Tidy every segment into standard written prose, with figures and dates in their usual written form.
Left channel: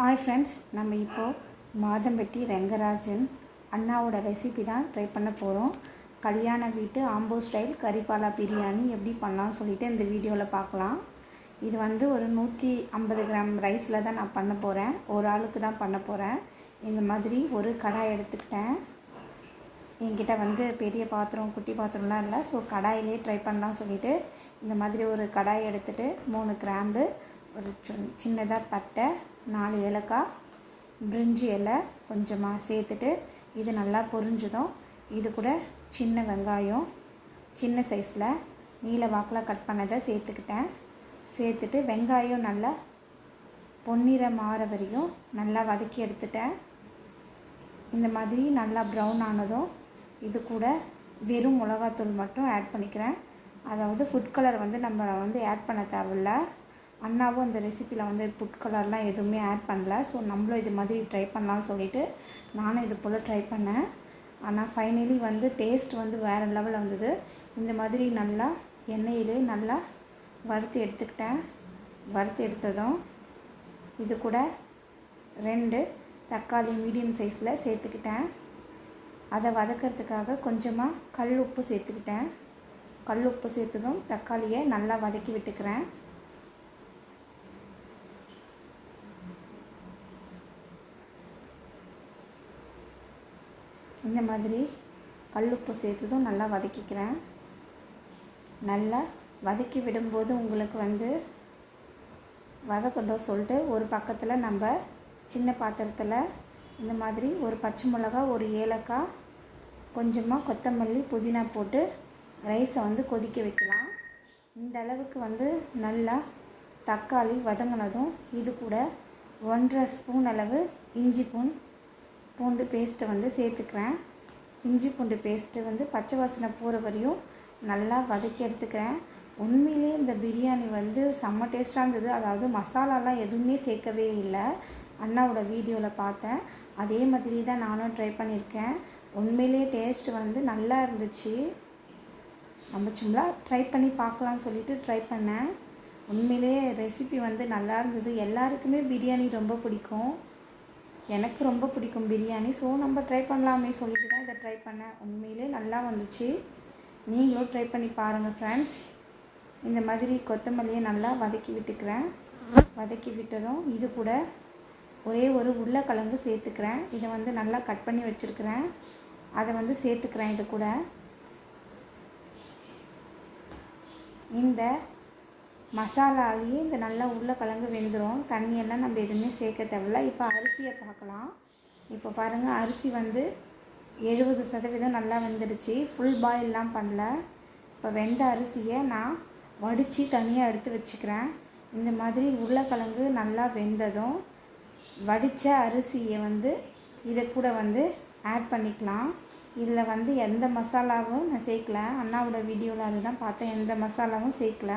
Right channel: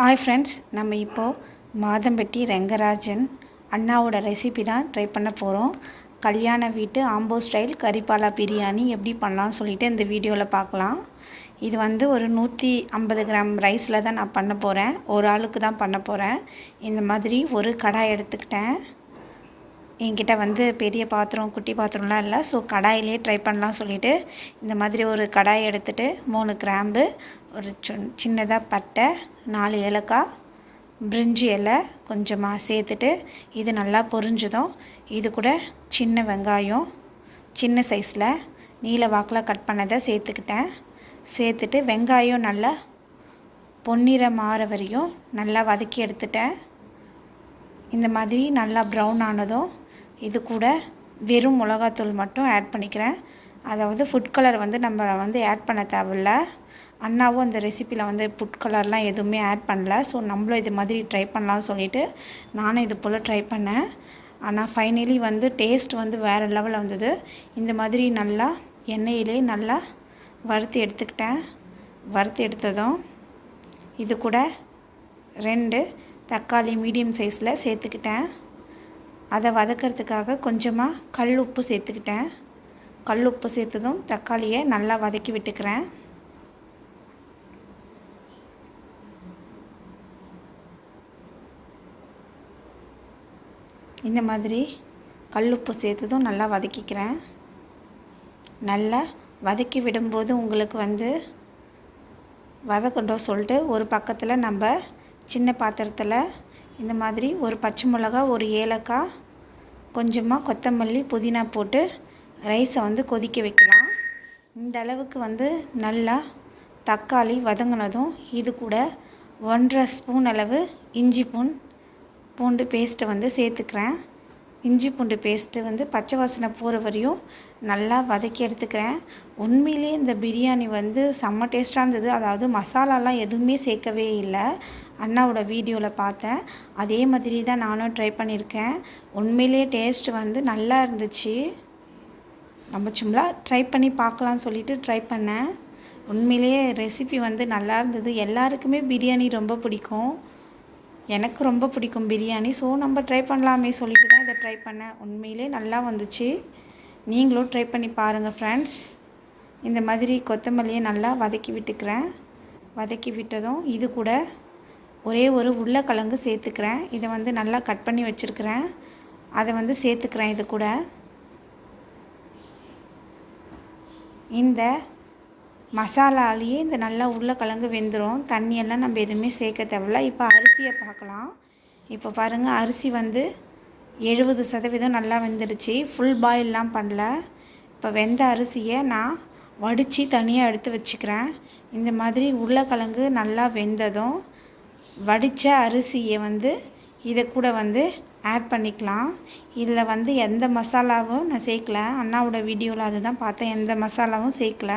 Hi friends, நம்ம இப்போது மாதம்பட்டி ரெங்கராஜன் அண்ணாவோட ரெசிபி தான் ட்ரை பண்ண போகிறோம். கல்யாண வீட்டு ஆம்போ ஸ்டைல் கறிப்பாலா பிரியாணி எப்படி பண்ணலாம்னு சொல்லிட்டு இந்த வீடியோவில் பார்க்கலாம். இது வந்து ஒரு 150 கிராம் ரைஸில் தான் நான் பண்ண போகிறேன். ஒரு ஆளுக்கு தான் பண்ண போகிறேன். இந்த மாதிரி ஒரு கடாய் எடுத்துக்கிட்டேன். என்கிட்ட வந்து பெரிய பாத்திரம் குட்டி பாத்திரம்லாம் இல்லை, ஸோ கடாயிலே ட்ரை பண்ணலாம் சொல்லிவிட்டு இந்த மாதிரி ஒரு கடாய் எடுத்துகிட்டு 3 கிராம்பு, ஒரு சின்னதாக பட்டை, 4 ஏலக்காய், பிரிஞ்சி இலை கொஞ்சமாக சேர்த்துட்டு இது நல்லா பொரிஞ்சதும் இது கூட சின்ன வெங்காயம் சின்ன சைஸில் நீல வாக்கில் கட் பண்ணதை சேர்த்துக்கிட்டேன். சேர்த்துட்டு வெங்காயம் நல்லா பொன்னிறம் மாற வரையும் நல்லா வதக்கி எடுத்துட்டேன். இந்த மாதிரி நல்லா ப்ரௌன் ஆனதும் இது கூட வெறும் மிளகாத்தூள் மட்டும் ஆட் பண்ணிக்கிறேன். அதாவது ஃபுட் கலர் வந்து நம்ம வந்து ஆட் பண்ண தேவையில்ல. அண்ணாவும் இந்த ரெசிப்பியில் வந்து ஃபுட் கலர்லாம் எதுவுமே ஆட் பண்ணல. ஸோ நம்மளும் இது மாதிரி ட்ரை பண்ணலாம்னு சொல்லிவிட்டு நானும் இது போல் ட்ரை பண்ணேன். ஆனால் ஃபைனலி வந்து டேஸ்ட் வந்து வேறு லெவலில் வந்தது. இந்த மாதிரி நல்லா எண்ணெயிலே நல்லா வறுத்து எடுத்துக்கிட்டேன். வறுத்து எடுத்ததும் இது கூட 2 தக்காளி மீடியம் சைஸில் சேர்த்துக்கிட்டேன். அதை வதக்கிறதுக்காக கொஞ்சமாக கல் உப்பு சேர்த்துக்கிட்டேன். கல் உப்பு சேர்த்ததும் தக்காளியை நல்லா வதக்கி விட்டுக்கிறேன். இந்த மாதிரி கல் உப்பு சேர்த்ததும் நல்லா வதக்கிக்கிறேன். நல்லா வதக்கி விடும்போது உங்களுக்கு வந்து வதக்கட்டும் சொல்லிட்டு ஒரு பக்கத்தில் நம்ம சின்ன பாத்திரத்தில் இந்த மாதிரி ஒரு பச்சை மிளகா, ஒரு ஏலக்காய், கொஞ்சமாக கொத்தமல்லி, புதினா போட்டு ரைஸை வந்து கொதிக்க வைக்கலாம். இந்த அளவுக்கு வந்து நல்லா தக்காளி வதங்கினதும் இது கூட 1.5 ஸ்பூன் அளவு இஞ்சி பூண்டு பேஸ்ட்டை வந்து சேர்த்துக்கிறேன். இஞ்சி பூண்டு பேஸ்ட்டு வந்து பச்சை வாசனை போகிற வரையும் நல்லா வதக்கி எடுத்துக்கிறேன். உண்மையிலே இந்த பிரியாணி வந்து செம்ம டேஸ்ட்டாக இருந்தது. அதாவது மசாலாலாம் எதுவுமே சேர்க்கவே இல்லை. அண்ணாவோட வீடியோவில் பார்த்தேன். அதே மாதிரி தான் நானும் ட்ரை பண்ணியிருக்கேன். உண்மையிலே டேஸ்ட்டு வந்து நல்லா இருந்துச்சு. நம்ம சும்மா ட்ரை பண்ணி பார்க்கலான்னு சொல்லிட்டு ட்ரை பண்ணேன். உண்மையிலேயே ரெசிபி வந்து நல்லா இருந்தது. எல்லாருக்குமே பிரியாணி ரொம்ப பிடிக்கும். எனக்கு ரொம்ப பிடிக்கும் பிரியாணி. ஸோ நம்ம ட்ரை பண்ணலாமே சொல்லிட்டு தான் இதை ட்ரை பண்ணேன். உண்மையிலே நல்லா வந்துச்சு. நீங்களும் ட்ரை பண்ணி பாருங்கள் ஃப்ரெண்ட்ஸ். இந்த மாதிரி கொத்தமல்லியை நல்லா வதக்கி விட்டுக்கிறேன். வதக்கி விட்டதும் இது கூட ஒரே ஒரு உருளைக்கிழங்கு சேர்த்துக்கிறேன். இதை வந்து நல்லா கட் பண்ணி வச்சுருக்கிறேன். அதை வந்து சேர்த்துக்கிறேன். இது கூட இந்த மசாலாலேயே இந்த நல்லா உருளைக்கிழங்கு வெந்துடும். தண்ணியெல்லாம் நம்ம எதுவுமே சேர்க்க தேவையில்ல. இப்போ அரிசியை பார்க்கலாம். இப்போ பாருங்கள், அரிசி வந்து 70% நல்லா வெந்துடுச்சு. ஃபுல் பாயிலெலாம் பண்ணல. இப்போ வெந்த அரிசியை நான் வடித்து தனியாக எடுத்து வச்சுக்கிறேன். இந்த மாதிரி உருளைக்கிழங்கு நல்லா வெந்ததும் வடித்த அரிசியை வந்து இதை கூட வந்து ஆட் பண்ணிக்கலாம். இதில் வந்து எந்த மசாலாவும் நான் சேர்க்கல. அண்ணாவோட வீடியோவில் அதுதான் பார்த்தேன். எந்த மசாலாவும் சேர்க்கல.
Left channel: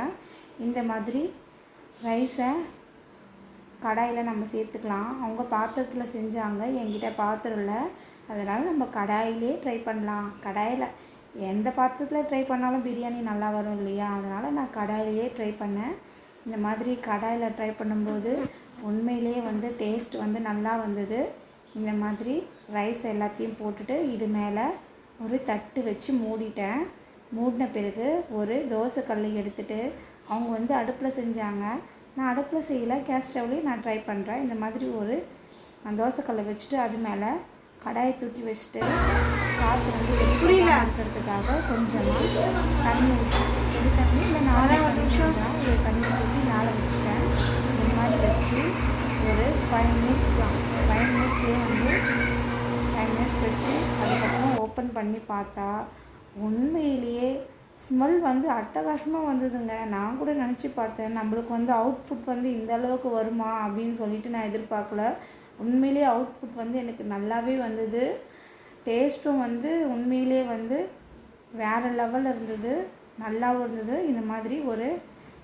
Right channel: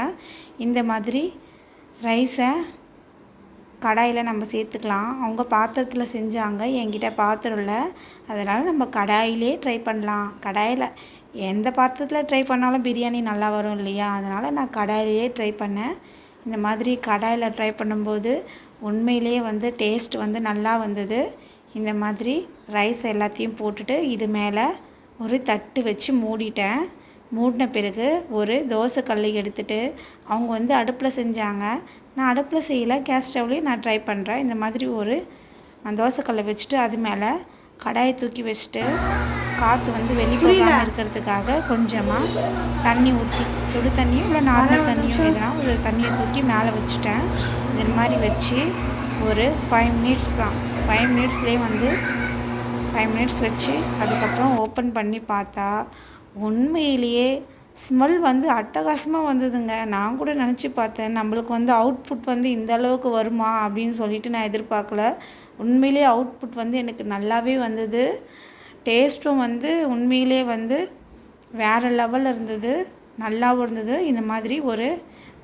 இந்த மாதிரி ரைஸை கடாயில் நம்ம சேர்த்துக்கலாம். அவங்க பாத்திரத்தில் செஞ்சாங்க, என்கிட்ட பாத்திரம் இல்லை. அதனால் நம்ம கடாயிலே ட்ரை பண்ணலாம். கடாயில் எந்த பாத்திரத்தில் ட்ரை பண்ணாலும் பிரியாணி நல்லா வரும் இல்லையா? அதனால் நான் கடாயிலே ட்ரை பண்ணேன். இந்த மாதிரி கடாயில் ட்ரை பண்ணும்போது உண்மையிலே வந்து டேஸ்ட் வந்து நல்லா வந்தது. இந்த மாதிரி ரைஸ் எல்லாத்தையும் போட்டுட்டு இது மேலே ஒரு தட்டு வச்சு மூடிட்டேன். மூடின பிறகு ஒரு தோசைக்கல் எடுத்துகிட்டு, அவங்க வந்து அடுப்பில் செஞ்சாங்க, நான் அடுப்பில் செய்யலை, கேஸ் ஸ்டவ்லேயும் நான் ட்ரை பண்ணுறேன். இந்த மாதிரி நான் தோசைக்கல்லை வச்சுட்டு அது மேலே கடாயை தூக்கி வச்சுட்டு காற்று வந்து வெளிப்படாமல் இருக்கிறதுக்காக கொஞ்சமாக தண்ணி ஊற்றி, சுடு தண்ணியும் இல்லை நார்மல் தண்ணியும் எதுனா ஒரு தண்ணியை தூக்கி மேலே வச்சுட்டேன். இந்த மாதிரி வச்சு ஒரு 5 மினிட்ஸ் தான், 5 மினிட்ஸ்லேயே வந்து 5 மினிட்ஸ் வச்சு அதுக்கப்புறம் ஓப்பன் பண்ணி பார்த்தா உண்மையிலேயே ஸ்மெல் வந்து அட்டகாசமாக வந்ததுங்க. நான் கூட நினச்சி பார்த்தேன், நம்மளுக்கு வந்து அவுட்புட் வந்து இந்த அளவுக்கு வருமா அப்படின்னு சொல்லிட்டு நான் எதிர்பார்க்கல. உண்மையிலே அவுட்புட் வந்து எனக்கு நல்லாவே வந்தது. டேஸ்ட்டும் வந்து உண்மையிலே வந்து வேறு லெவலில் இருந்தது, நல்லாவும் இருந்தது. இந்த மாதிரி ஒரு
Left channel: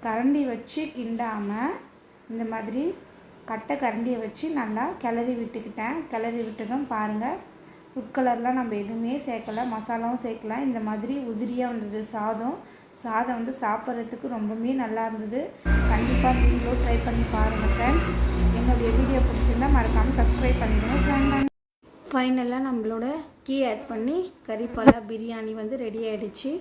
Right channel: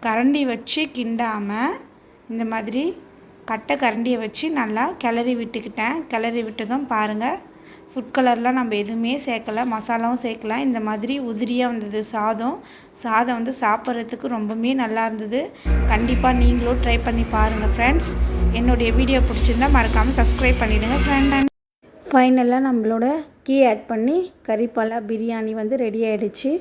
கரண்டி வச்சு கிண்டாமல் இந்த மாதிரி கட்டை கரண்டியை வச்சு நல்லா கிளறி விட்டுக்கிட்டேன். கிளறி விட்டதும் பாருங்கள், ஃபுட் கலர்லாம் நம்ம எதுவுமே சேர்க்கலை, மசாலாவும் சேர்க்கல. இந்த மாதிரி உதிரியாக வந்தது சாதம் வந்து சாப்பிட்றதுக்கு ரொம்பவே நல்லா இருந்தது. கண்டிப்பாக நீங்களும் ட்ரை பண்ணி பாருங்கள் ஃப்ரெண்ட்ஸ். என்னுடைய வீடியோ பிடிச்சிருந்தால் மறக்காமல் சப்ஸ்கிரைப் பண்ணிவிடுங்க ஃப்ரெண்ட். ஃபைனலாக நம்மளோட கீ ஆட் பண்ணி கறிப்பாலா பிரியாணி வந்து ரெடி ஆகிடுச்சு.